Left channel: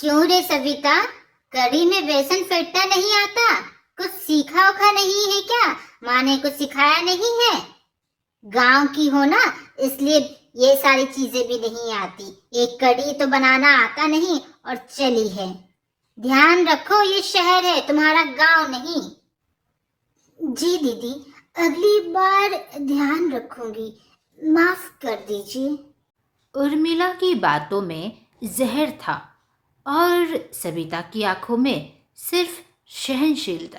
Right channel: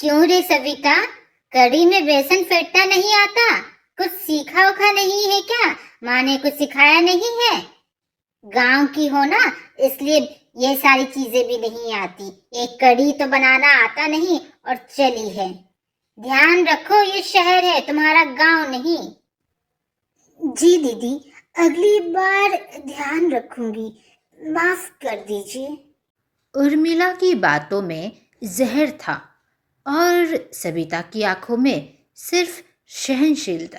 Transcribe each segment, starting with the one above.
क्यों रे सविता, कढ़ी में बेसन फेंटना नहीं आता? कुछ सीखा उखा नहीं है क्या? माँ ने कुछ सिखाया नहीं है? गांव की हो ना, इसलिए ये सारी चीजें भी नहीं आती। एक कढ़ी तो बनाना आता नहीं और चली है। ध्यान रखो, ये शहर है, तुम्हारा गांव नहीं। जी दीदी, अगली बार ध्यान रखूंगी, माफ कर दीजिए। उर्मिला की बातों में जहर था और सविता की आंखों में सिर्फ सहनशीलता।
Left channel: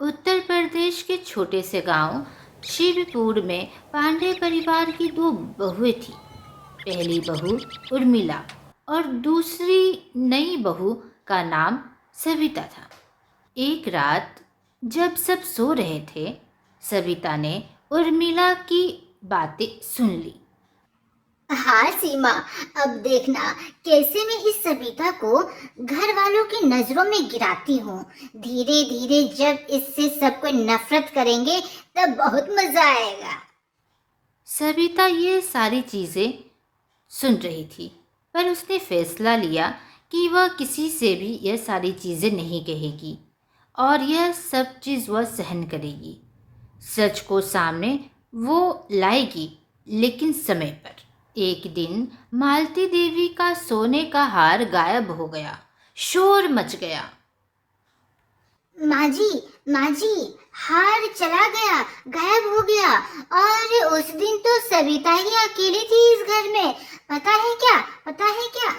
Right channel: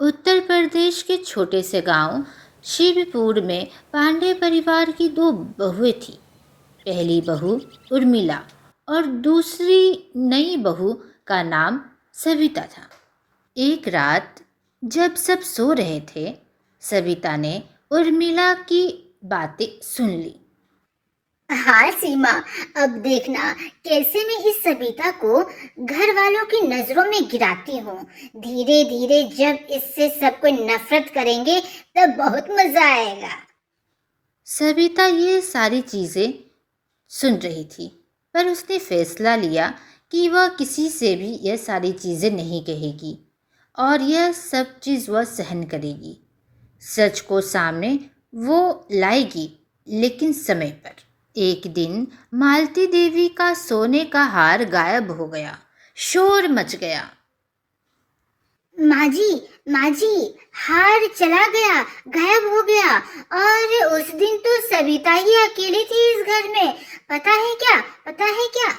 उत्तर प्रदेश के छोटे से गांव शिवपुर में पांडे परिवार की दो बहुएं थी। पहली बहू उर्मिला और दूसरी नई बहू का नाम सविता था। एक रात जब सब सो रहे थे, सविता ने उर्मिला की बातें सुन ली। हाँ सीमा, अब देखना कैसे मैं इस सविता को घर वालों की नजरों में गिराती हूँ। धीरे धीरे जब इससे सब कोई नफरत करेंगे तब बहुत मजा आएगा। सविता ये सारी चीज़ें सुन रही थी, पर उसने फैसला लिया कि वह किसी से भी यह सारी चीज़ें नहीं कहेगी और यह सब चीज़ वह सहन करेगी। सच को सामने वो लाएगी, लेकिन समय पर। एक दिन मालती देवी का सोने का हार गायब हो गया। शोर मच गया। माँ जी, हार चला गया, गायब हो गया। और उस दिन तो सविता ही अकेली थी इस घर में। पता है क्या? पता है क्या?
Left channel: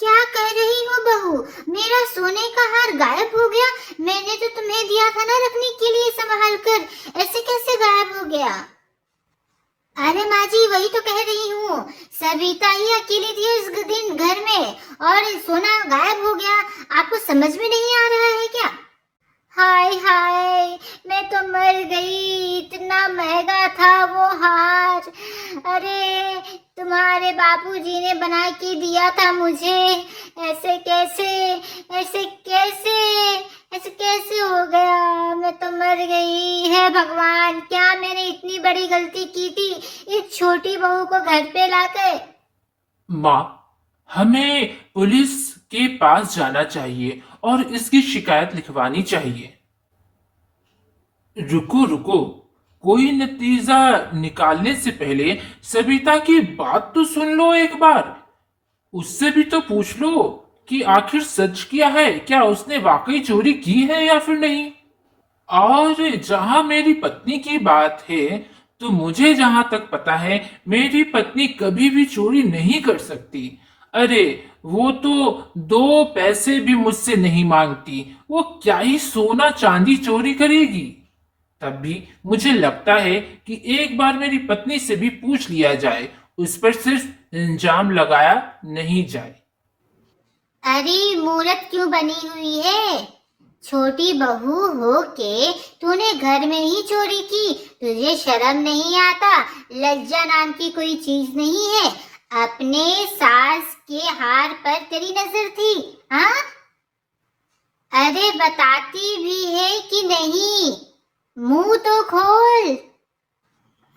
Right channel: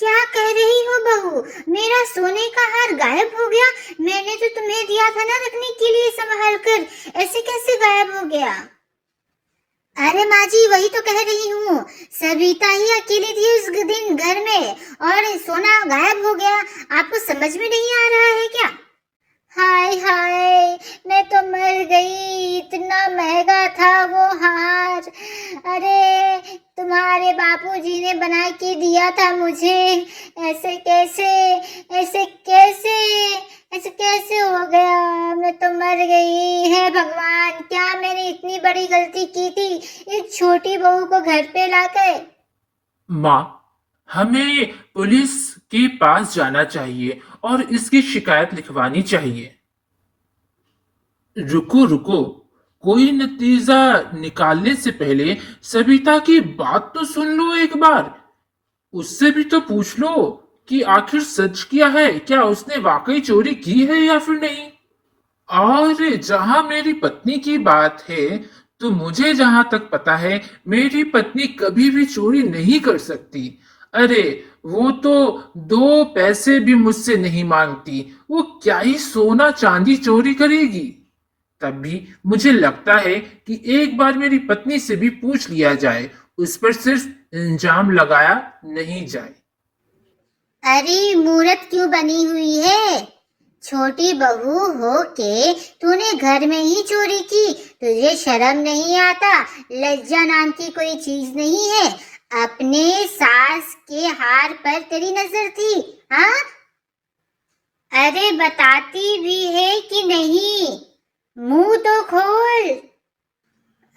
क्या कह रही हो बहू? मेरा सोने का हार गायब हो गया? मैंने तो तुम्हें दिया था ना रखने के लिए संभाल कर, ऐसे कैसे गायब हो गया? अरे माँ जी, वही तो कह रही हूँ। सविता ही अकेली थी इस दिन घर में और सोना गायब हो गया। आपको समझ में नहीं आ रहा है क्या? हाय हाय, मैं तो मर गई। इतना महंगा था वो हार। अरे, तुम्हारे बापूजी ने बना के दिया था मुझे। ऐसे कैसे, ऐसे कैसे, ऐसे कैसे हो गया? मैं तो मर गई। है भगवान, क्या मैंने इतनी बड़ी गलती की थी इस छोटी बहू को घर पे लाकर? माँ, हमें पुलिस के पास जाना चाहिए और इसकी शिकायत लिखवानी चाहिए। रुको रुको, कोई नतीजा निकालने से पहले सविता की बात तो सुन लो एक बार। उससे भी तो पूछ लो कि आखिर सच क्या है, क्या उसने वाकई चोरी की है या फिर नहीं। और जहां मेरी पत्नी की बात है, तो मुझे जहां तक पता है, मेरी पत्नी कभी भी चोरी नहीं कर सकती। अरे, वो तो 2 पैसे भी मुझसे नहीं मांगती। वो क्या ही सोना चांदी चोरी करेगी। तब भी मुझे लगता है कि एक बार मेरी पत्नी से भी पूछ लिया जाए, उस पर सिर्फ इल्जाम लगाया नहीं जाए। अरे, मूर्ख क्यों बनी हुई है? छोटी बहू हो के तूने घर में ही चोरी की? तुझे शर्म नहीं आता? लज्जा नाम की कोई चीज नहीं है? अपने सास के हार पर तेरी नजर थी, हाँ? अरे, बताती भी है कि नहीं? मुंह तो खोल।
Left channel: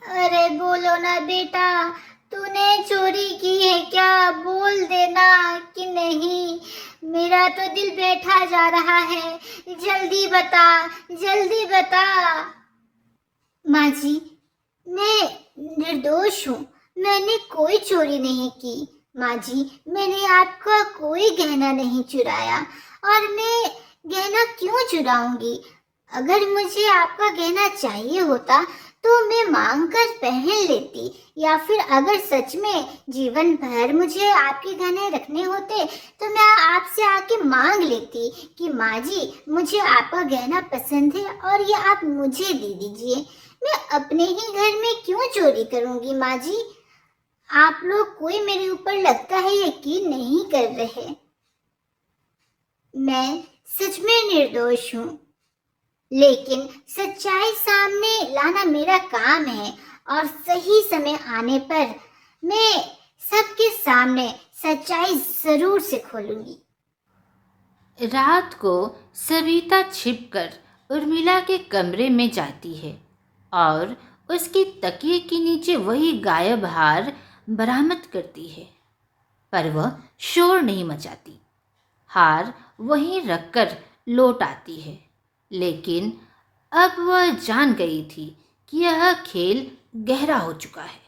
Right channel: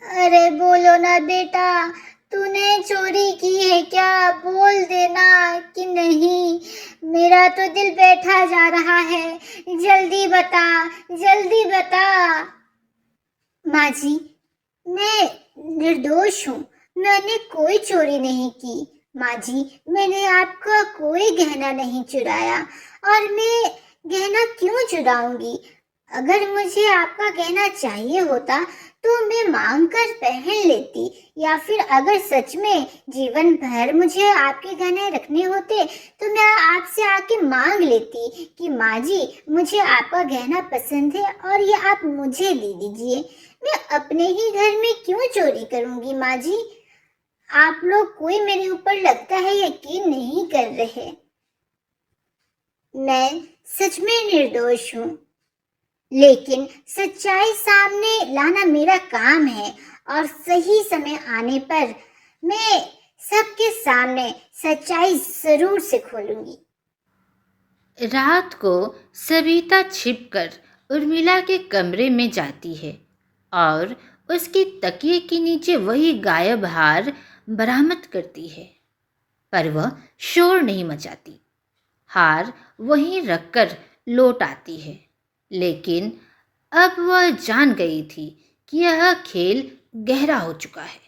अरे बोलो ना बेटा, तूने चोरी की है क्या? बोल देना कि नहीं। मेरा तो दिल बैठा जा रहा है। जल्दी बता, जल्दी बता। माँ जी, मैं निर्दोष हूँ। मैंने कोई चोरी नहीं की। माँ जी, मैंने आपका कोई गहना नहीं चुराया। और मैं गहना क्यों चुराऊंगी? अगर मुझे आपका गहना चाहिए होता तो मैं मांग कर पहन लेती, या फिर अगर सच में जीवन भर मुझे आपके गहने रखने होते तो मैं आपसे आके मांग लेती कि माँ जी, मुझे आपका गहना पसंद है और ये आप मुझे दे दीजिए। मैं अपने ही घर में क्यों चोरी करूंगी माँ जी? आप लोग कोई मेरे ऊपर लगता है यकीन नहीं कर रहे। मैं सच में निर्दोष हूँ, लेकिन सच्चाई सामने लाना मेरा काम है और सही समय आने पर मैं सबके सामने सच्चाई जरूर से खोलूंगी। रात को सविता छिपकर उर्मिला के कमरे में जाती है और उसकी तकिए के नीचे वही गायब हार बरामद करती है, पर वह शोर नहीं मचाती। हार वहीं रखकर लौट आती है। लेकिन अब वह जान गई थी कि यह खेल गहरा हो चुका है।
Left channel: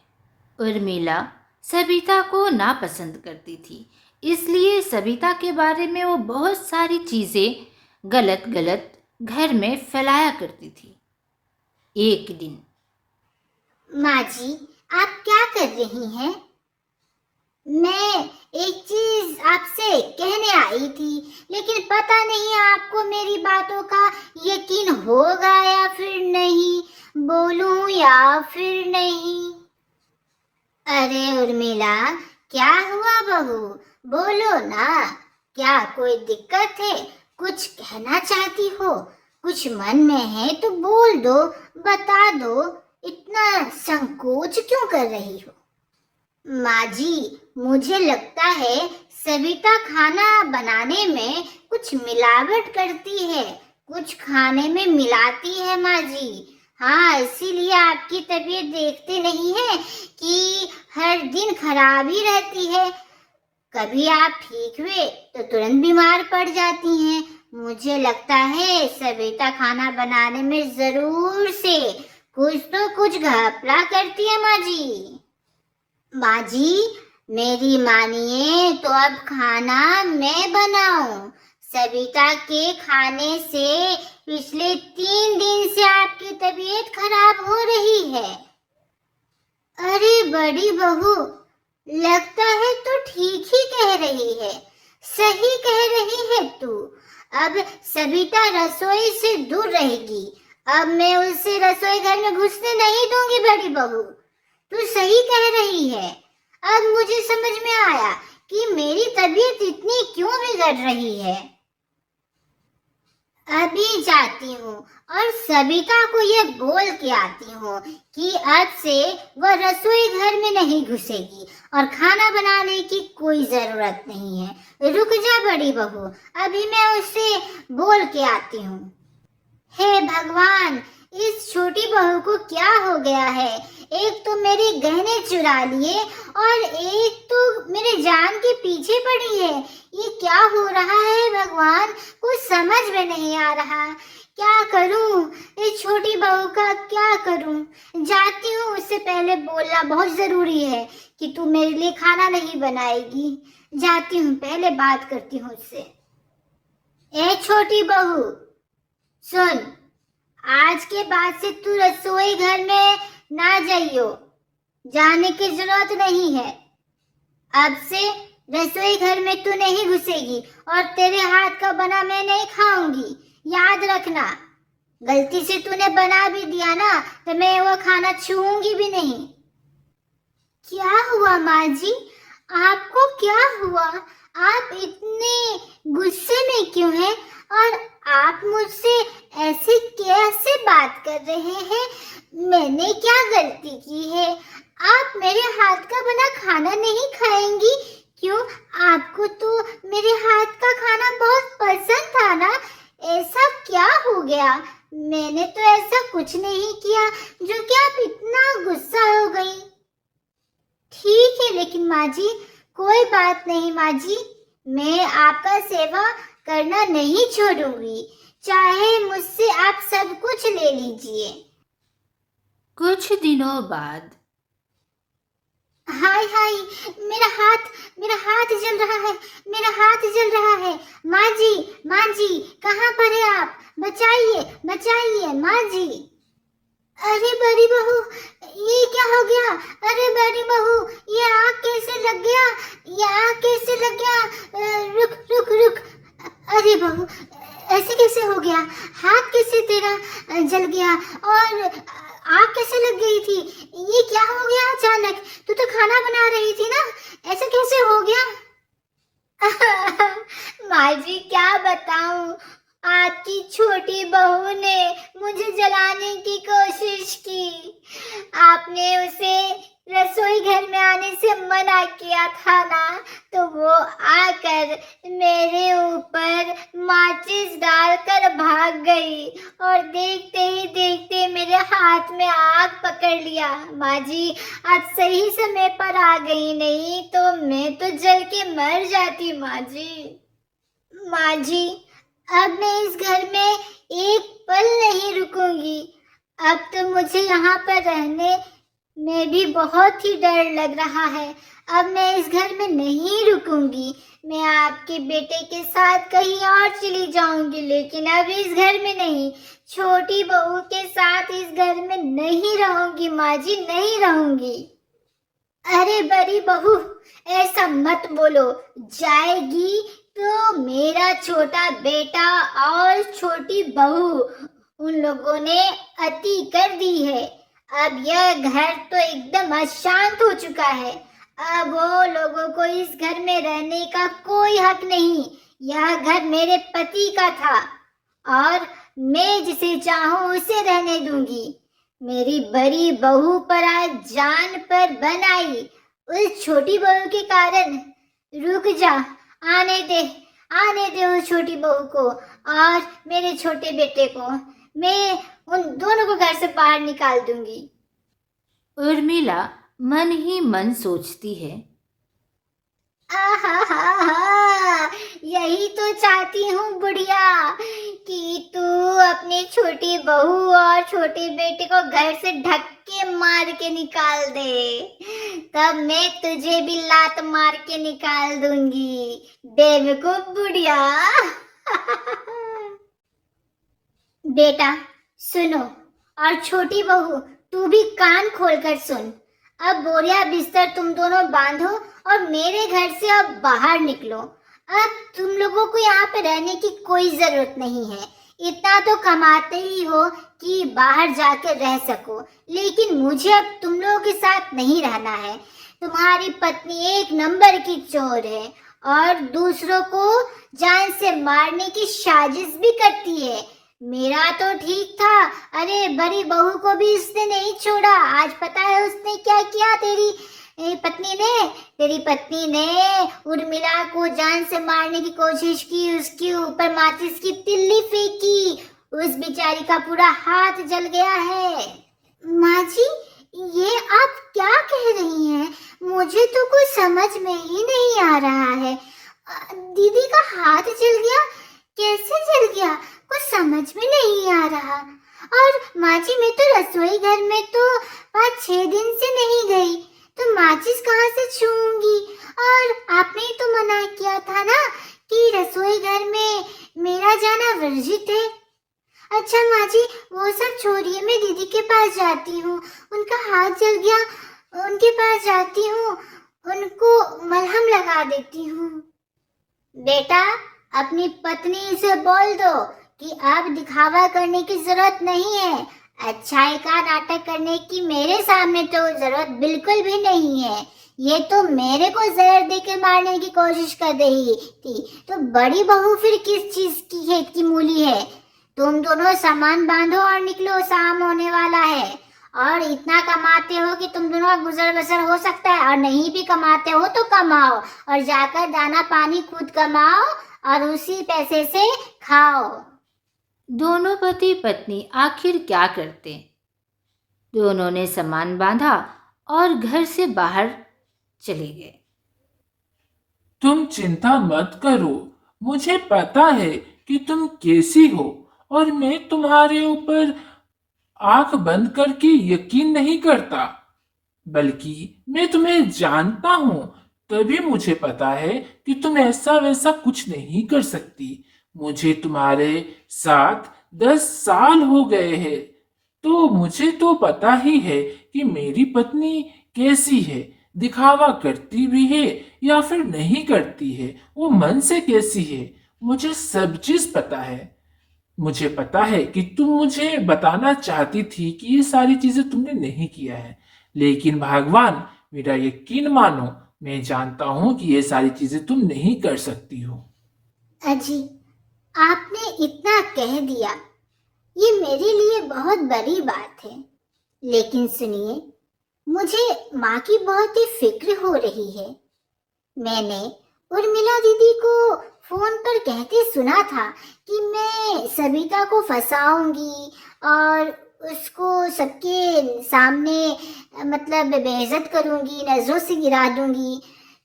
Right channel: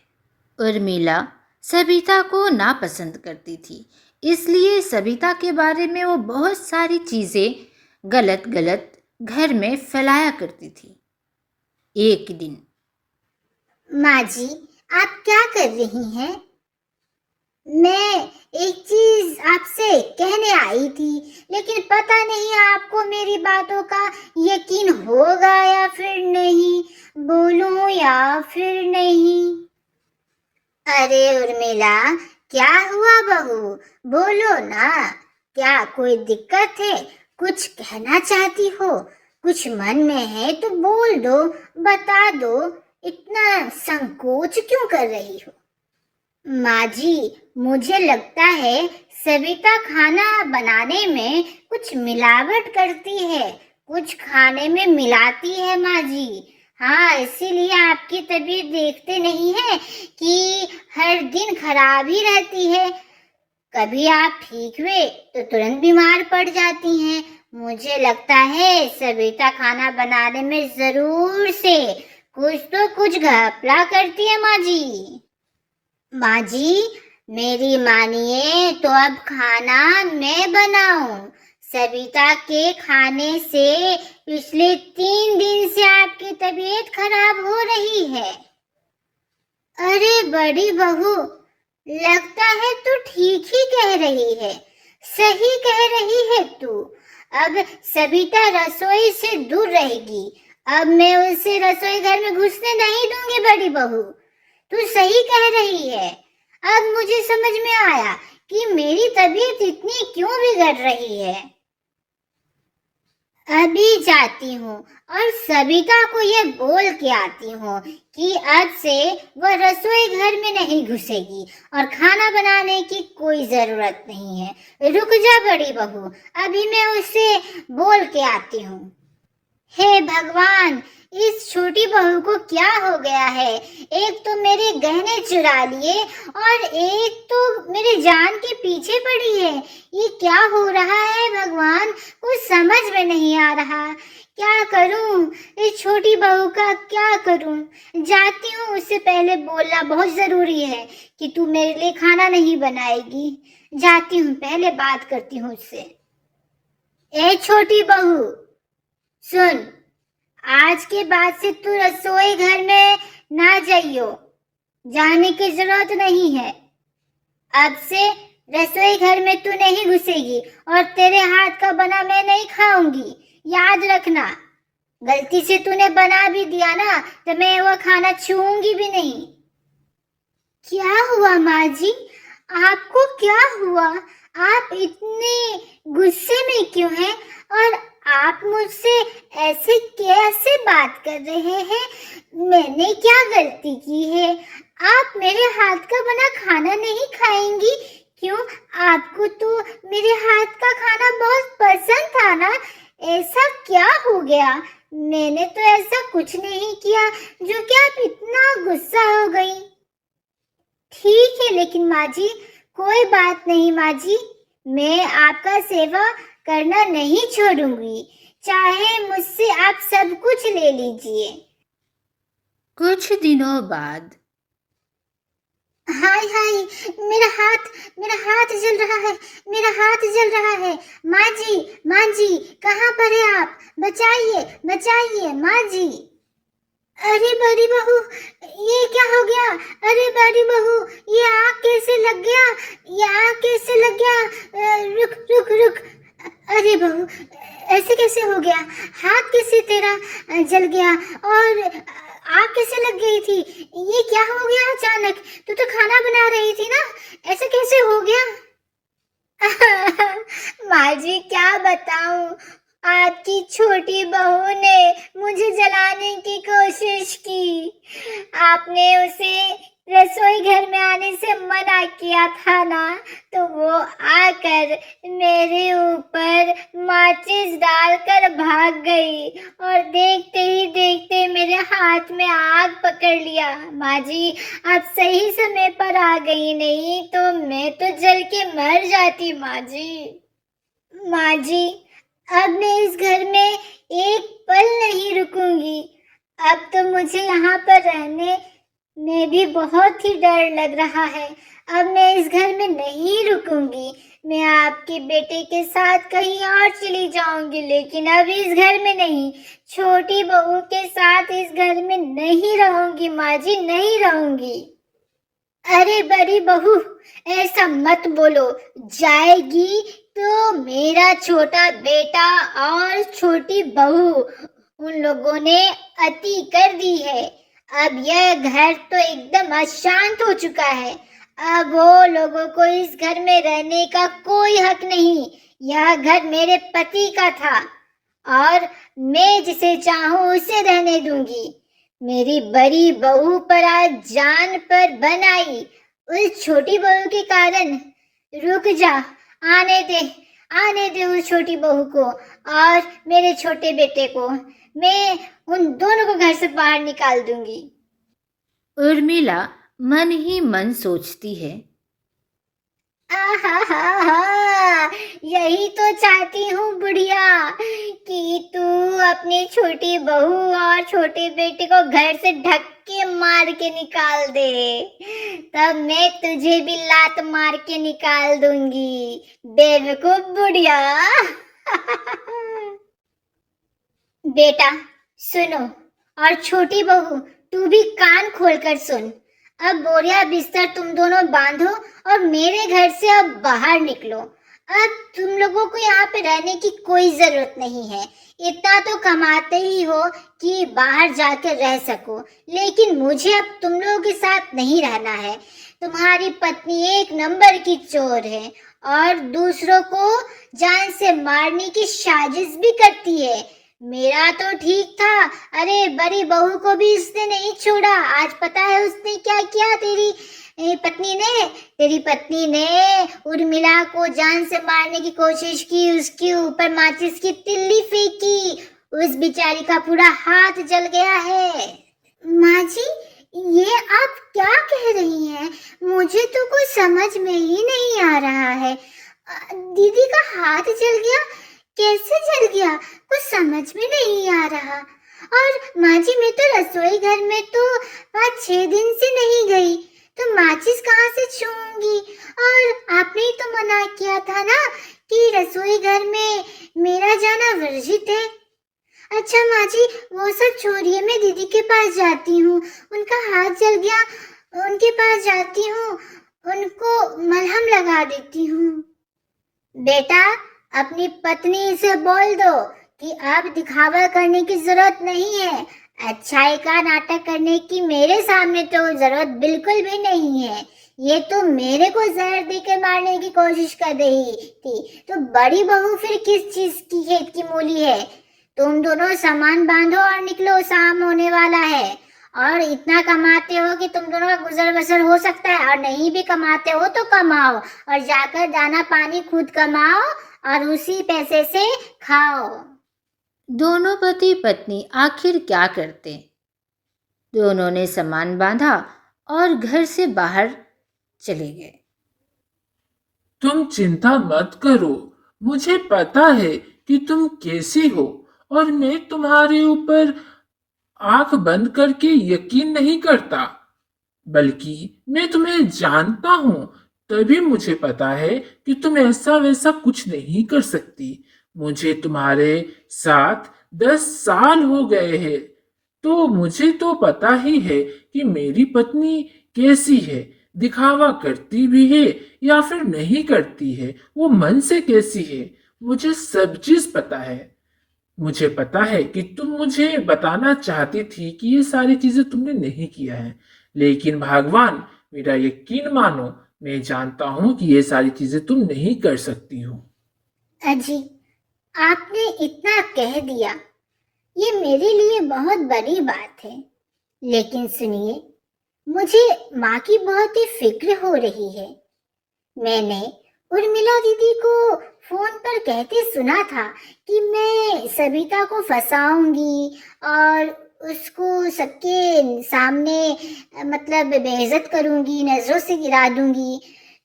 उर्मिला सबिता को नापसंद करती थी, इसलिए सबिता के बारे में वो बहुत सारी चीज़ें गलत गलत घर में फैलाया करती थी। एक दिन माँ जी, आप क्या कर रही हैं? मैं एक चीज आपसे कहने आई थी, लेकिन पता नहीं आपको मेरी बातों का यकीन होगा या फिर नहीं, बोलूं या फिर नहीं। अरे उर्मिला, क्या हुआ बहू? बोलो ना, क्या कोई दिक्कत है? कुछ कहना चाहती हो? कुछ मन में है तो बोल दो, बता दो। इतना संकोच क्यों कर रही हो? माँ जी, मुझे लगता है सविता खाना बनाने में कुछ मिलावट करती है, कुछ खाने में मिलाती है माँ जी। हाँ, इसीलिए आपकी तबीयत देखते नहीं है कि हर दिन खराब ही रहती है। कभी आप ठीक हुए तो तुरंत बीमार पड़ जाती हैं। मुझे लगता है सविता खाना बनाने में जरूर से कुछ तो कुछ घपला करती है माँ जी। माँ जी, मेरी मानिए तो अब खाना मैं बनाऊं। सविता के खाने से पिछले 3 दिन से आपकी तबीयत खराब हो रही है। अरे बड़ी बहू, लगता है तू ठीक ही कह रही है, सही कह रही है तू। अब सविता रसोई से दूर रहेगी। अब मैं उसे रसोई घर में घुसने नहीं दूंगी बड़ी बहू। तू सही कह रही है। अब मुझे समझ में आया कि मेरी तबीयत इतनी क्यों बिगड़ रही है। अभी जाती हूँ और सविता को ये बोल के आती हूँ कि आज से वह रसोई घर में नहीं घुसेगी और खाना बनाने की कोई जरूरत नहीं है। रुक जा बड़ी बहू, अभी मैं उसे बोल के आती हूँ। हे भगवान, इस छोटी बहू को क्या हो गया है? एक तो मेरे गहने चुरा लिए और एक तो मेरी जान के पीछे पड़ी है। ये क्या हो रहा है भगवान? कुछ समझ में नहीं आ रहा। क्या करूं? इस छोटी बहू का क्या करूं? जाती हूँ, उससे पहले बोलना बहुत जरूरी है कि तू मेरे लिए खाना नहीं बनाएगी। जाती हूँ, पहले बात करती हूँ उससे। ए छोटी बहू, सुन, आज के बाद से तू रसोई घर में ना जाइयो, जाने की जरूरत नहीं है। अब से रसोई घर में तू नहीं घुसेगी और तेरे हाथ का बना मैं नहीं खाऊंगी, याद रखना। गलती से तूने बना भी दिया ना तो मैं वो खाना छूऊंगी भी नहीं। क्या हुआ माँ जी? आपको क्या हुआ? आप इतने गुस्से में क्यों हैं? और आप मुझसे ऐसे कैसे बात कर रहे हैं? मैंने क्या गलती की है? आप मेरे हाथ का बना खाना नहीं खाएंगी? क्यों? आपको तो मेरे हाथ का खाना बहुत पसंद था ना? ऐसा क्या हो गया? मैंने तो ऐसा कुछ नहीं किया जो कि आप इतना गुस्सा हो गई। ठीक है, लेकिन माँ जी, कोई बात नहीं माँ जी, मैं आपका सेवा करना नहीं छोड़ूंगी, चाहे मुझसे आप सब कुछ ले लीजिए। कुछ दिनों बाद हाय हाय, मेरा हाथ जल रहा है, मेरा हाथ जल रहा है। माँ जी, कहाँ पर है आप? बचाइए, बचाइए माँ जी। अरे बड़ी बहू, ये क्या हो गया? अरे बड़ी बहू, ये आग कैसे लग गया? ये आग कैसे लग गया? रुक रुक रुक। अरे बहू, ऐसे कैसे हो गया? हाथ कैसे तेरा जल गया? और आग कैसे लग गई थी? ये क्या हो गया अचानक? तू तो खाना बना रही थी ना, ऐसे कैसे हो गया? माँ जी, क्या बताऊं, आपकी छोटी बहू ने मुझे जलाने की कोशिश की। आपने उसे रसोई घर में आने से मना किया था ना, तो वो आकर मेरे ऊपर माचिस डालकर भाग गई और देखते ही देखते मेरे हाथ में आग पकड़ लिया। माँ जी, आप सही समय पर आ गई, नहीं तो मैं तो जल के मर जाती माँ जी। माँ जी, अब मैं इस घर में एक पल नहीं रुकूंगी। अब तो मुझे यहाँ पर रहने में भी बहुत ही डर लग रहा है। अब मैं इस घर में नहीं रुकूंगी। मैं आपके बेटे के साथ कहीं और चली जाऊंगी, लेकिन अब इस घर में नहीं। छोटी बहू के साथ इस घर में नहीं रहूंगी माँ जी, नहीं रहूंगी। अरे बड़ी बहू, ऐसा मत बोलो। जाएगी तो मेरा छोटा बेटा और छोटी बहू, उन लोगों ने अति कर दी है। अब यह घर तो एकदम अशांत हो चुका है। अब वो लोगों को इस घर में रहने का कोई हक नहीं। यह घर मेरे पति का था और मैं जिसे चाहूं उसे रहने दूंगी। मेरी बड़ी बहू पर आज जान पर बन आई, उस छोटी बहू के कारण। रुक जा, आने दे, आने दे उस छोटी बहू को और मेरे छोटे बेटे को। मैं उन दोनों को घर से बाहर निकाल दूंगी। उर्मिला मन ही मन सोचती है, आहा, यही तो चाहती हूँ बुढ़िया, कि तू अपनी छोटी बहू और छोटे बेटे को घर से धक्के मार के निकाल दे। तब मैं तुझे भी लात मार के निकाल दूंगी, बेवकूफ बुढ़िया। बेटा सुनो, और छोटी बहू तू भी कान खोलकर सुन। अब बोरिया बिस्तर तुम दोनों बांधो और मेरे घर से अब बाहर निकलो। अब तुम लोगों को यहाँ पे रहने की कोई जरूरत नहीं है। इतना तो कमाते ही हो कि बाहर जाकर रह सको, लेकिन मुझे अब तुम लोगों के साथ नहीं रहना है। तुम्हारी पत्नी एक नंबर की चोर है और दूसरों को जान से मारने की साजिश भी करती है। मेरा तो ठीक था, अरे बड़ी बहू को भी उसने नहीं छोड़ा। आज पता है उसने क्या किया? तेरी पत्नी ने उर्मिला को जान से मारने की कोशिश की, उसके ऊपर माचिस की तिल्ली फेंकी। उस बेचारी का पूरा हाथ जल गया है। माँ जी, ये आप क्या कह रही हैं? मुझे तो कुछ समझ में ही नहीं आ रहा है। दीदी का हाथ जल गया? कैसे जल गया? कुछ समझ में नहीं आ रहा। और माँ जी, मैं तो रसोई घर में तो 5-6 दिन से नहीं गई, तो माचिस कहाँ से छूऊंगी? और आपने ही तो मना किया था ना कि रसोई घर में मेरा जाना वर्जित है। अच्छा माँ जी, वो सब छोड़िए, मैं दीदी के पास जाती हूँ। उनका हाथ जल गया, उनके पास जाती हूँ, उनको मलहम लगा देती हूँ। बेटा, अपनी पत्नी से बोल दो कि अब दिखावा करने की जरूरत नहीं है। अच्छाई का नाटक करने की मेरे सामने तो जरूरत बिल्कुल भी नहीं है। ये तो मेरे को जहर दे के मारने की कोशिश कर रही थी, तो बड़ी बहू फिर किस चीज की खेत की मूली है? तुम दोनों सामान बांधो और निकलो, शाम होने वाला है। और इतना कमाते हो कि तुम दोनों का गुजर बसर हो सकता है, और नहीं भी कमाते हो तो कमाओ और जाकर दाना पानी खुद कमाओ और उसी पैसे से खाओ। दोनों पति पत्नी आखिर क्या करते? दोनों ने सामान बांधा और घर से बाहर चले गए। तुम चिंता मत करो, मुझे पता है कि तुम कैसी हो और मैं तुम्हारे ऊपर आंख बंद करके यकीन नहीं करता, बल्कि मैं तुम्हें जानता हूं, तभी मुझे पता है कि तुम ऐसा वैसा कुछ नहीं कर सकती। मुझे तुम्हारे साथ 10 साल हो गए हैं, तो मुझे तो पता ही है कि मेरी पत्नी कैसी है, दिखावा करती भी है या फिर नहीं करती है, वो मन से कैसी है, मुझे सब चीज पता है। मुझे पता है कि तुम मुझे बताना चाहती थी कि ये सारी चीजें तुमने नहीं किया है, लेकिन भगवान, मेरा यकीन मानो, मैं जानता हूं कि ये सारी चीजें तुम नहीं कर सकती हो। अजी, आपने इतना कह दिया, ये मेरे लिए बहुत बड़ी बात है। लेकिन सुनिए, मुझे माँ की बहुत ही फिक्र हो रही है। मैंने उर्मिला दीदी को फोन पर कहते सुना था कि मैं सविता को फंसाऊंगी और उसको सबके सामने मतलब बेइज्जत करूंगी, नजरों से गिरा दूंगी।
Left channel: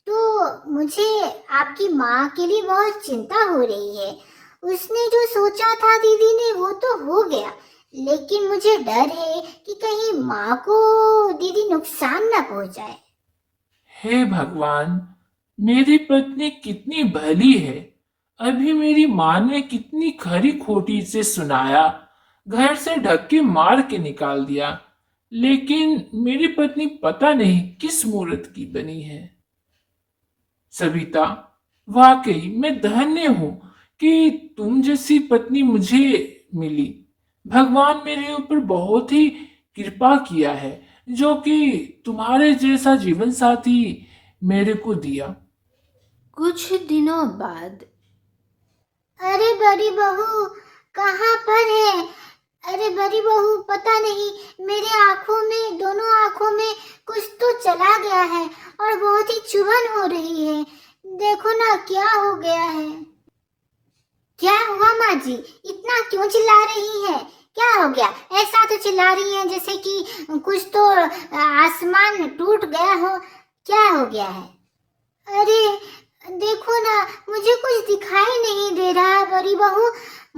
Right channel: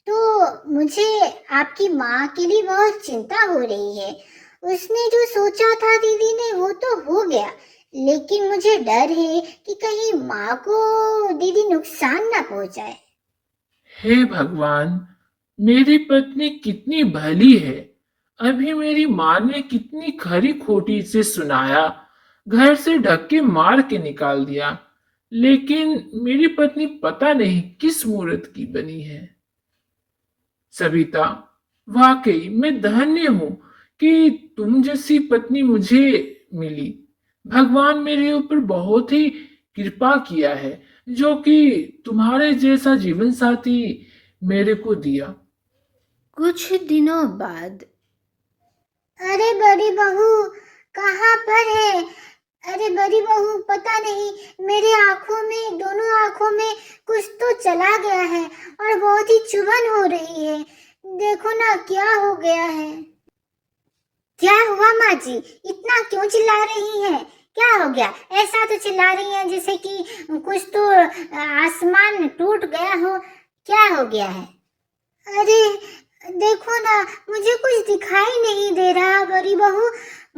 तो मुझे आपकी माँ के लिए बहुत चिंता हो रही है। उसने जो सोचा था दीदी ने वो तो हो गया, लेकिन मुझे डर है कि कहीं माँ को दीदी नुकसान ना पहुंचाए। हे भगवान, मेरी पत्नी कितनी भली है। अभी मेरी माँ ने कितनी खरी खोटी से सुनाया, घर से धक्के मार के निकाल दिया, लेकिन मेरी पत्नी पता नहीं किस मूर्त की बनी है। सविता, वाकई मैं धन्य हूँ कि तुम जैसी पत्नी मुझे मिली। भगवान मेरे ऊपर बहुत ही कृपा किया है, जो कि तुम्हारे जैसा जीवन साथी मेरे को दिया। कुछ दिनों बाद अरे बड़ी बहू, कहाँ पर है? अरे बड़ी बहू, पता नहीं मेरे आंखों में, दोनों आंखों में कुछ तो चला गया है और बहुत ही चुभन हो रही है। देखो ना क्या हो गया है। क्या हुआ माँ जी? इतना क्यों चिल्ला रही है? क्या हो गया? ऐसा तो चिल्ला रही है जैसे कि कुछ तो आसमान टूट गया हो। क्या हो गया है? अरे देखो ना, मुझे कुछ दिखाई नहीं दे रहा बड़ी बहू,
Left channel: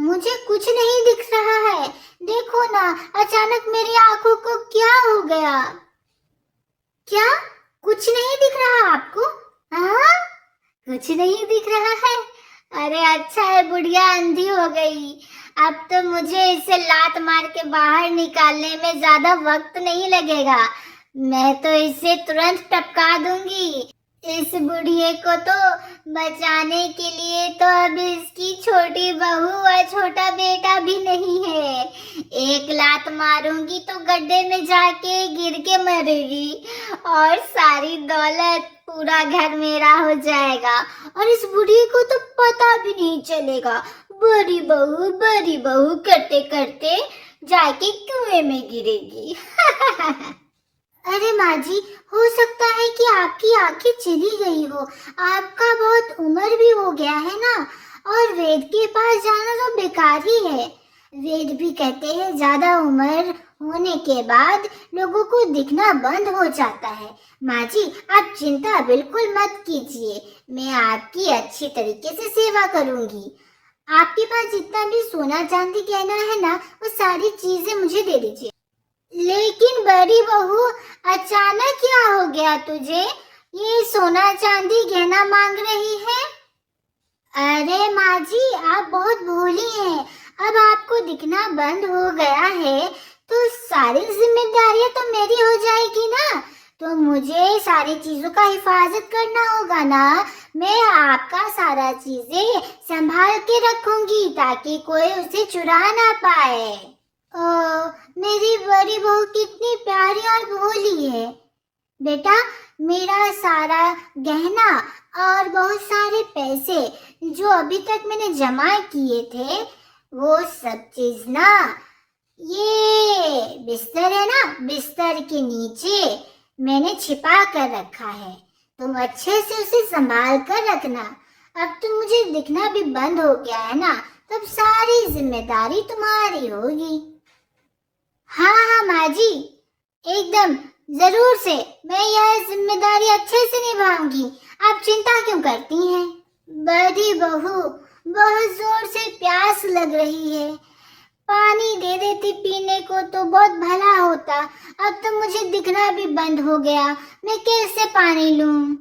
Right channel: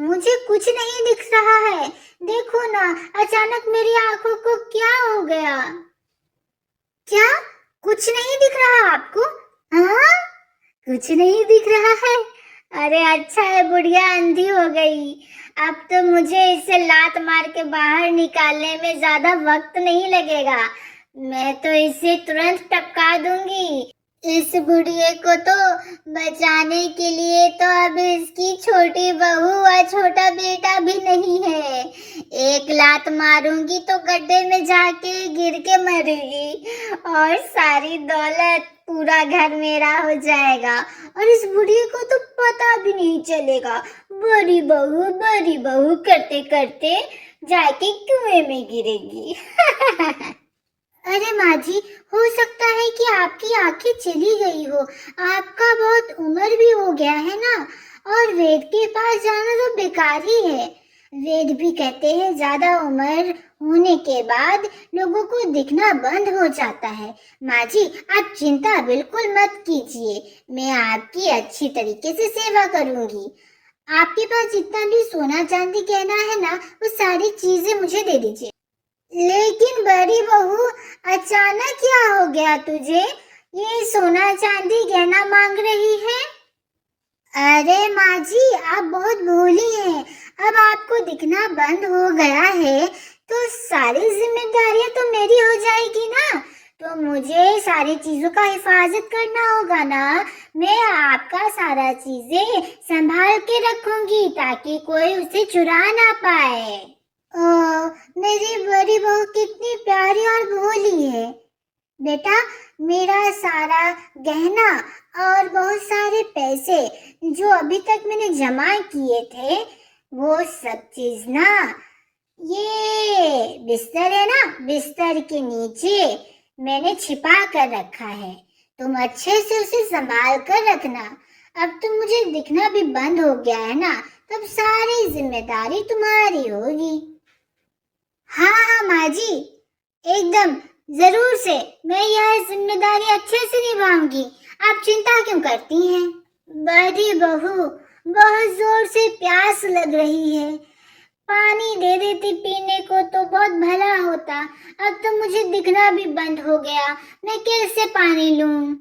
मुझे कुछ नहीं दिख रहा है। देखो ना, अचानक मेरी आंखों को क्या हो गया? क्या? कुछ नहीं दिख रहा आपको? हाँ, कुछ नहीं दिख रहा है। अरे अच्छा है बुढ़िया अंधी हो गई। अब तो मुझे इसे लात मार के बाहर निकालने में ज्यादा वक्त नहीं लगेगा। मैं तो इसे तुरंत टपका दूंगी। इस बुढ़िए को तो बचाने के लिए तो अब इसकी छोटी बहू और छोटा बेटा भी नहीं है। एक लात मारूंगी तो गड्ढे में जाके गिर के मरेगी और सारी दौलत, पूरा घर मेरा हो जाएगा और इस बुढ़िए को तो पता भी नहीं चलेगा। बड़ी बहू करते करते जाके कुएं में गिरेगी। अरे माँ जी, हो सकता है कि आपकी आंखें चली गई हो। आपका बहुत उम्र भी हो गया है ना, और वेद के पास जाना तो बेकार ही है। वेद भी कहते हैं ज्यादा उम्र होने के बाद लोगों को दिखना बंद हो जाता है। माँ जी, आप चिंता बिल्कुल मत कीजिए, मैं आपकी अच्छी तरीके से सेवा करूंगी। आपके पास जितना भी सोना चांदी गहना है ना, वो सारी चीजें मुझे दे दीजिए। लेकिन बड़ी बहू, अचानक क्या हो गया तुझे? ये सोना चांदी गहना मांग रही है? अरे माँ जी, आप बहुत भोली हैं। अब आपको दिखना बंद हो गया है तो सारी जिम्मेदारियां तो मेरी हो जाएगी ना, तो मुझे सारी चीजों का हिफाजत करना होगा ना। मैं आपका सारा चीजें संभाल के रखूंगी ताकि कोई उसे चुरा ना पाए। ओ, मेरी बड़ी बहू कितनी प्यारी और भोली है। बेटा, मेरा सारा गहना और बहुत सारे पैसे जो अभी तक मैंने जमा किए थे, वो सब चीज ना, ये बिस्तर है ना, बिस्तर के नीचे मैंने छिपा कर रखा है। तुम अच्छे से उसे संभाल कर रखना। अब तो मुझे दिखना भी बंद हो गया है ना, तब सारी जिम्मेदारी तुम्हारी होगी। हाँ माँ जी, एकदम जरूर से मैं यह जिम्मेदारी अच्छे से निभाऊंगी। आप चिंता क्यों करती हैं? बड़ी बहू, बहुत जोर से प्यास लग रही है, पानी दे देती पीने को तो बहुत भला होता। अब तो मुझे दिखना भी बंद हो गया, मैं कैसे पानी लूं?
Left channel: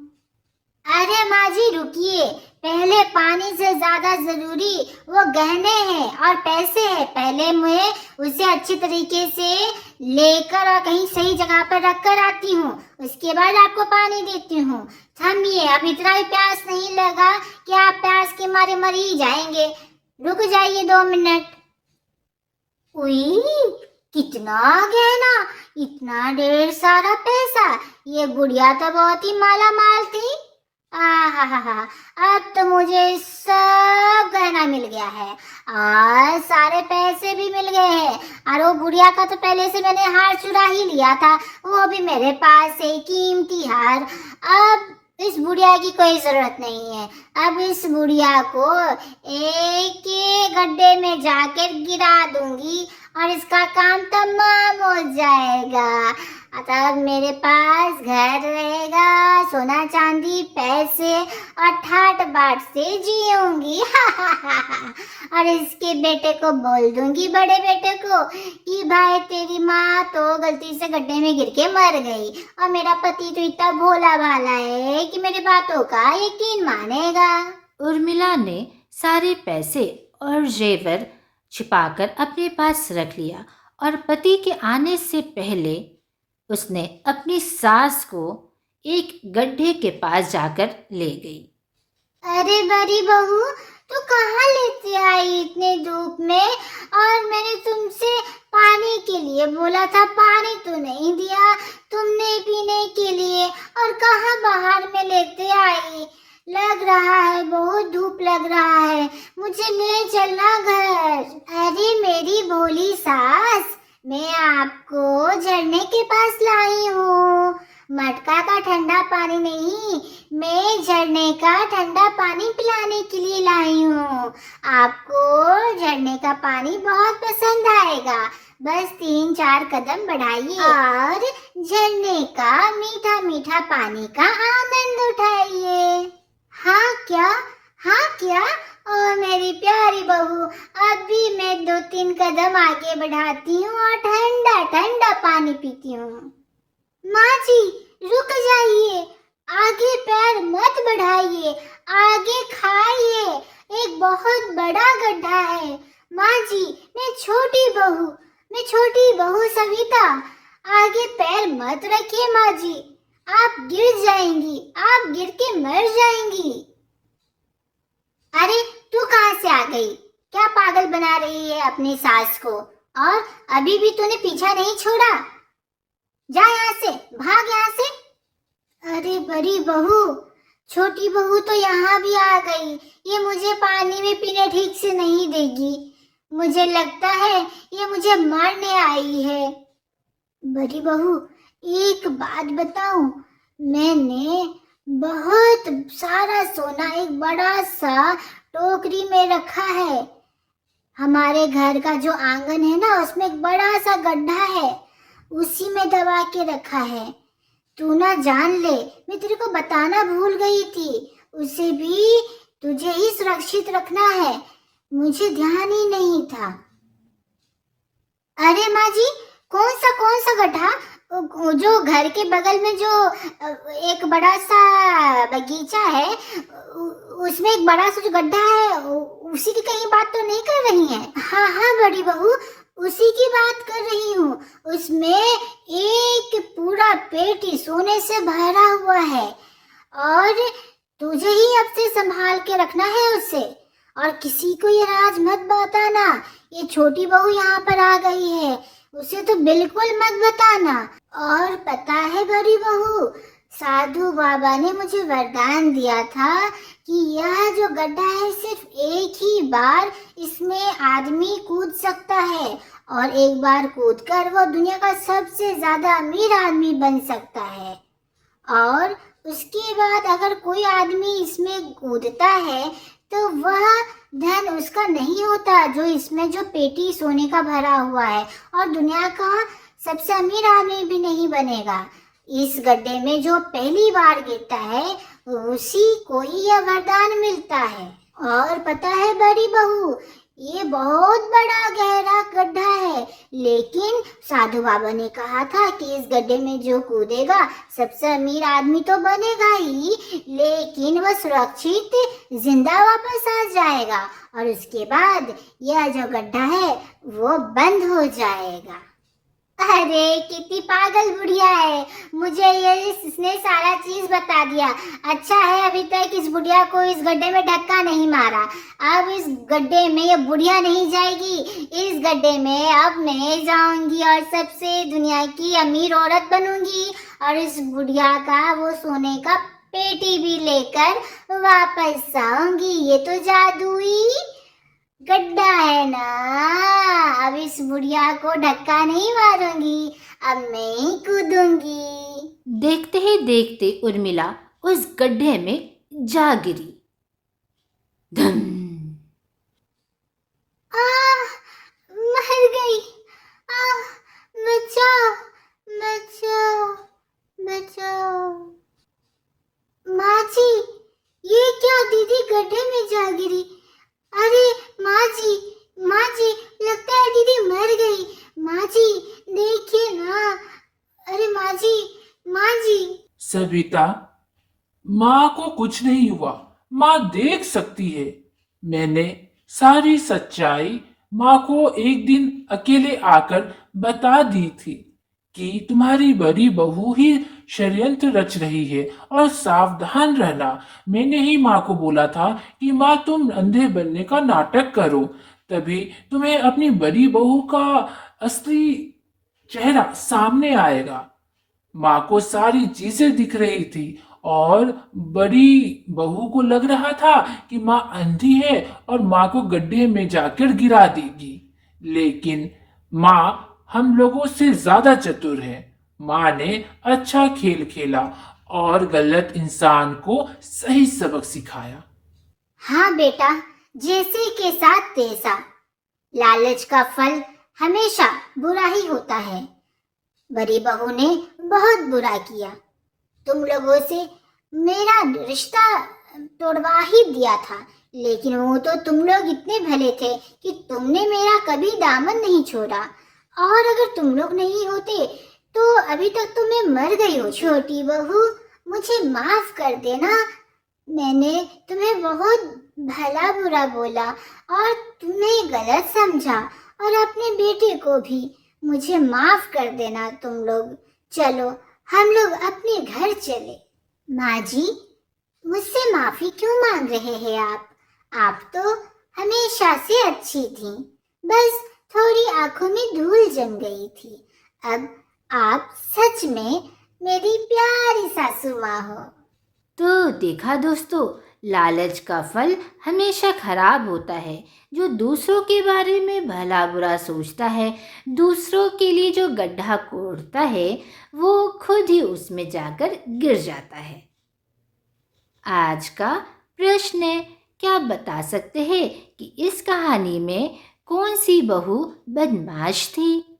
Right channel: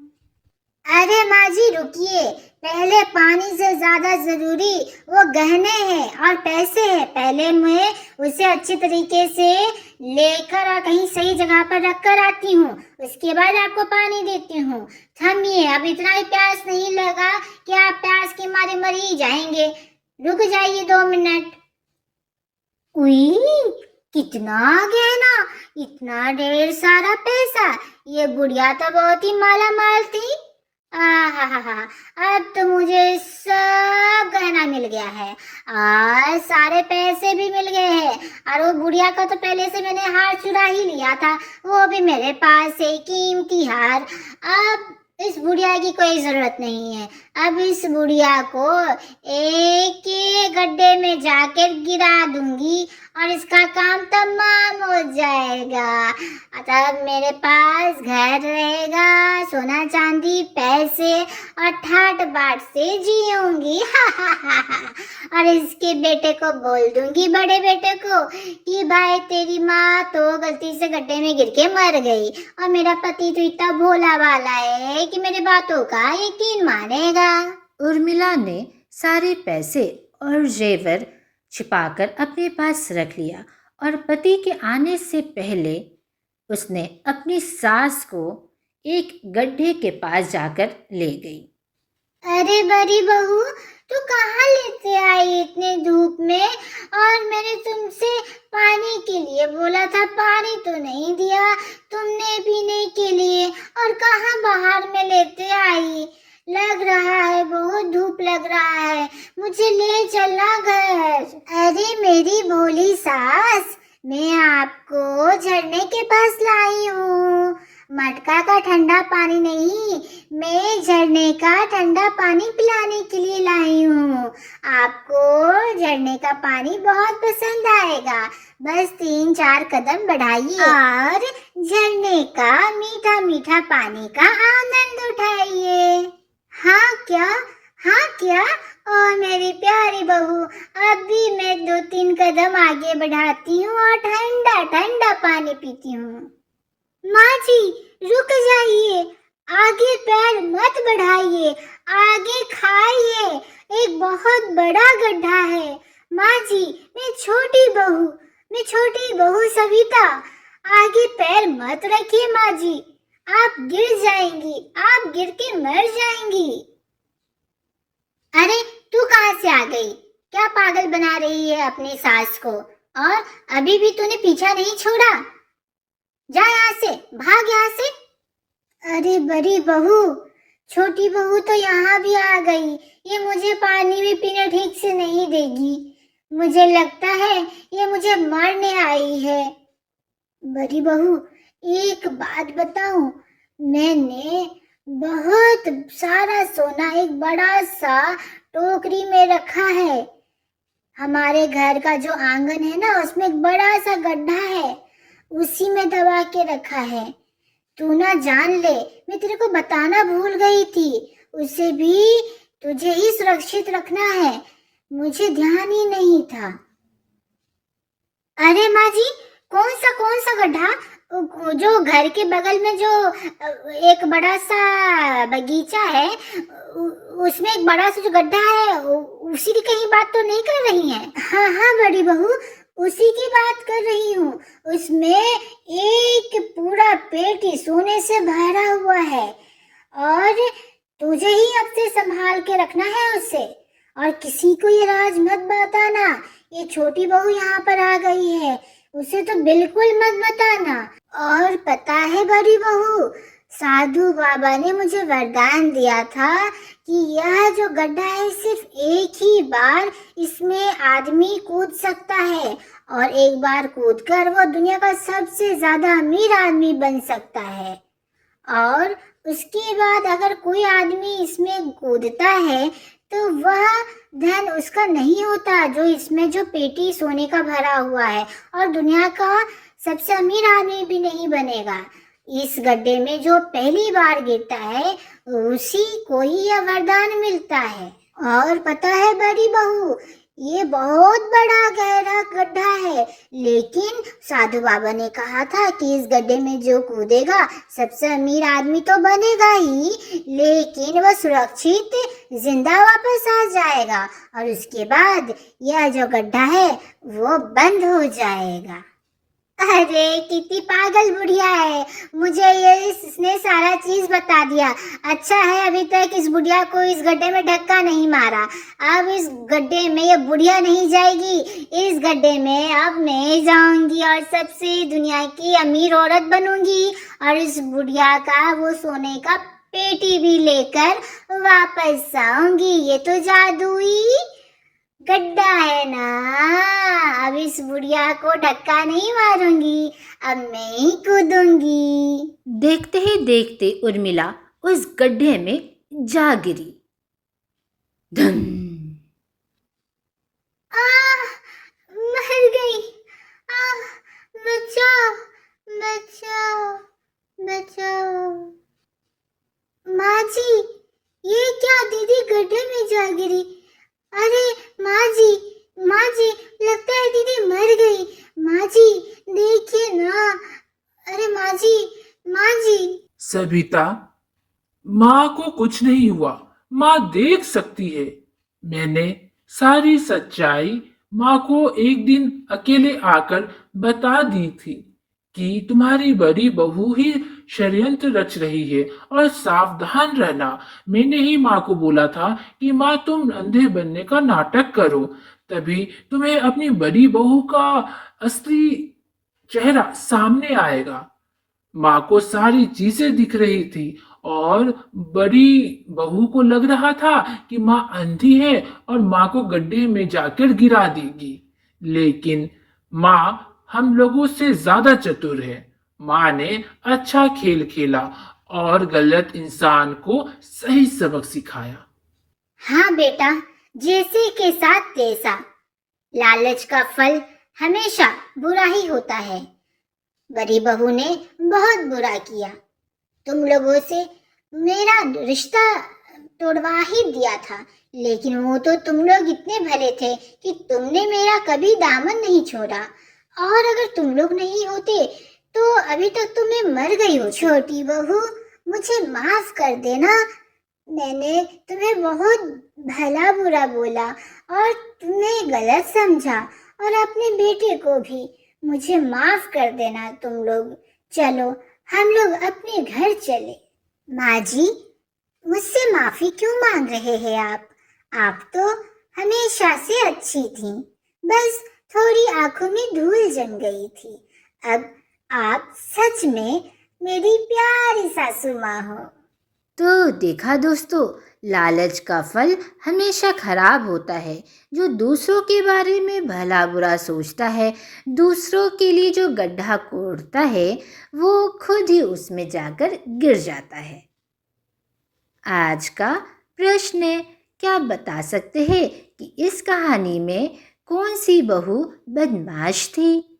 अरे माँ जी रुकिए, पहले पानी से ज्यादा जरूरी वो गहने हैं और पैसे हैं। पहले मैं उसे अच्छी तरीके से लेकर और कहीं सही जगह पर रख कर आती हूँ, उसके बाद आपको पानी देती हूँ। थमिए, अब इतना भी प्यास नहीं लगा कि आप प्यास के मारे मर ही जाएंगे। रुक जाइए 2 मिनट। उई, कितना गहना, इतना ढेर सारा पैसा, ये गुड़िया तो बहुत ही माला माल थी। अब तो मुझे सब गहना मिल गया है और सारे पैसे भी मिल गए हैं, और वो बुढ़िया का तो पहले से मैंने हार चुरा ही लिया था, वो भी मेरे पास है, कीमती हार। अब इस बुढ़िया की कोई जरूरत नहीं है। अब इस बुढ़िया को एक एक गड्ढे में जाकर गिरा दूंगी और इसका काम तमाम हो जाएगा। तब मेरे पास घर रहेगा, सोना चांदी पैसे और ठाट बाट से जीऊंगी। और इसके बेटे को बोल दूंगी, बड़े बेटे को, कि भाई तेरी माँ तो गलती से गड्ढे में गिर के मर गई और मेरा पति तो इतना भोला भाला है कि मेरी बातों का यकीन मानेगा। उर्मिला ने सारे पैसे और जेवर छिपाकर अपने पास रख लिया और पति के आने से पहले उसने अपनी सास को एक गड्ढे के पास जाकर ले गई। अरे बड़ी बहू, तू कहाँ लेते आई इतनी धूप में? और मैंने तुमसे पानी के लिए बोला था, पानी तो नहीं दिया तुमने पीने के लिए, और कहाँ बाहर में लेते आई? लग रहा है बहुत धूप लग रहा है, मुझे ले चलना घर। अरे मेरी भोली सास, मैं आपको झरने के पास लाई हूँ, मटका का ठंडा पानी नहीं, मैं झरने का ठंडा पानी पिलाने के लिए लाई हूँ। आपको झरने का पानी बहुत पसंद आएगा, बस 3-4 कदम बढ़ाइए और झरने का मीठा मीठा पानी का आनंद उठाइए। हाँ क्या? हाँ क्या? ओ मेरी प्यारी बहू, अब भी मैं 2-3 कदम आगे बढ़ाती हूँ और ठंडा ठंडा पानी पीती हूँ। माँ जी रुक जाइए, आगे पैर मत बढ़ाइए, आगे खाइए, एक बहुत बड़ा गड्ढा है। माँ जी, मैं छोटी बहू सविता, आगे पैर मत रखिए माँ जी, आप गिर जाएंगी, आप गिर के मर जाएंगी। अरे तू कहाँ से आ गई? क्या पागल बना रही है अपनी सास को? और अभी भी तूने पीछा नहीं छोड़ा? जा यहाँ से, भाग यहाँ से। अरे बड़ी बहू, छोटी बहू तो यहाँ भी आ गई, ये मुझे पानी भी पीने ठीक से नहीं देगी, मुझे लगता है ये मुझे मारने आई है। बड़ी बहू एक बात बताऊं, मैंने बहुत सारा सोना एक बड़ा सा टोकरी में रखा है। हमारे घर का जो आंगन है ना, उसमें एक बड़ा सा गड्ढा है, उसी में दबा के रखा है। तू ना जान ले, मैं तेरे को बताना भूल गई थी, उसे भी तुझे ही सुरक्षित रखना है, मुझे ध्यान ही नहीं था। अरे माँ जी, कौन सा गड्ढा? जो घर के बगल में जो एक बड़ा सा बगीचा है, उसमें एक बड़ा सा जो गड्ढा है, उसी की कहीं बात तो नहीं कर रही हैं? हाँ हाँ बड़ी बहू, उसी की बात कर रही हूँ। उसमें एक पूरा पेट ही सोने से भरा हुआ है और तुझे ही अब से संभाल के रखना है उसे, और किसी को ये राज मत बताना। ये छोटी बहू यहाँ पर आ गई है, उसे तो बिल्कुल मत बताना। और पता है बड़ी बहू, साधु बाबा ने मुझे वरदान दिया था कि यह जो गड्ढा है सिर्फ एक ही बार इसमें आदमी कूद सकता है, और एक बार कूदकर वो दुनिया का सबसे ज्यादा अमीर आदमी बन सकता है। और उसके बाद अगर कोई आदमी इसमें कूदता है तो वह धन उसका नहीं होता जो इसमें जो पेटी सोने का भरा हुआ है, और दुनिया का सबसे अमीर आदमी भी नहीं बनेगा। इस गड्ढे में जो पहली बार गिरता है उसी को ही यह वरदान मिलता है। और पता है बड़ी बहू, ये बहुत बड़ा गहरा गड्ढा है, लेकिन साधु बाबा ने कहा था कि इस गड्ढे में जो कूदेगा सबसे अमीर आदमी तो बनेगा ही, लेकिन वह सुरक्षित जिंदा वापस आ जाएगा, और उसके बाद यह जो गड्ढा है वो बंद हो जाएगा। अरे कितनी पागल बुढ़िया है, मुझे इसने सारा चीज बता दिया। अच्छा है अभी तक इस बुढ़िया को इस गड्ढे में धक्का नहीं मारा, अब इस गड्ढे में ये बुढ़िया नहीं जाएगी, इस गड्ढे में अब मैं जाऊंगी और सबसे दुनिया की अमीर औरत बनूंगी, और इस बुढ़िया का वो सोने का पेटी भी लेकर वापस आऊंगी। ये तो जादुई गड्ढा है ना, अब इस बुढ़िया को धक्का नहीं मारूंगी, अब मैं ही कूदूंगी। देखते ही देखते उर्मिला उस गड्ढे में जा गिरी। धम! आह, मर गई। आह, बचाओ, बचाओ, बचाओ। माँ जी, ये क्या, दीदी गड्ढे में जा गिरी। अरे माँ जी, माँ जी, लगता है दीदी मर गई। माँ जी, देखिए ना। अरे माँ जी, माँ जी। सविता, माँ को कुछ नहीं हुआ, माँ देख सकती है। मैंने सारी सच्चाई माँ को एक दिन अकेले आकर बता दी थी कि तुम्हारी बड़ी बहू ही षड्यंत्र रच रही है और सावधान रहना। मैंने ही माँ को बोला था कि माँ तुम अंधे बनने का नाटक करो, तभी तुम्हें अपनी बड़ी बहू का असली चेहरा सामने आएगा। माँ को सारी चीजें दिख रही थी और बड़ी बहू को लग रहा था कि माँ अंधी है और माँ को गड्ढे में जाकर गिरा देगी। लेकिन माँ हम लोगों से ज्यादा चतुर है। माँ ने अच्छा खेल खेला और गलत इंसान को सही सबक सिखाया। हाँ बेटा, जैसे के साथ तैसा। लालच का फल हमेशा बुरा ही होता है। बड़ी बहू ने बहुत बुरा किया। तुम लोगों से मेरा रिश्ता तोड़वा ही दिया था, लेकिन वो तो तुम लोग इतने भले थे कि तुमने मेरा कभी दामन नहीं छोड़ा। और अगर तुम लोग नहीं होते तो अभी तक तो मैं मर गई हूँ। छोटी बहू, मुझे माफ कर देना। मैंने तुम्हें बहुत भला बुरा बोला और तुमने गलत समझा, और अपने बेटे को भी। मुझे माफ कर देना तुम लोग। चलो हम लोग अपने घर चले। माँ जी, मुझसे माफी क्यों मांग रहे हैं आप? आप तो हमेशा से अच्छी थी, बस थोड़ी आंखों में धूल जम गई थी। अब आप सच में मेरी प्यारी सासू माँ हो। तो देखा दोस्तों, लालच का फल हमेशा खराब होता है। जो दूसरों के बारे में भला बुरा सोचता है, दूसरों के लिए जो गड्ढा कोड़ता है, वो खुद ही उसमें जाकर गिर जाता है। आज का प्रश्न है, क्या बता सकते हैं कि इस कहानी में कौन सी बहू बदमाश थी?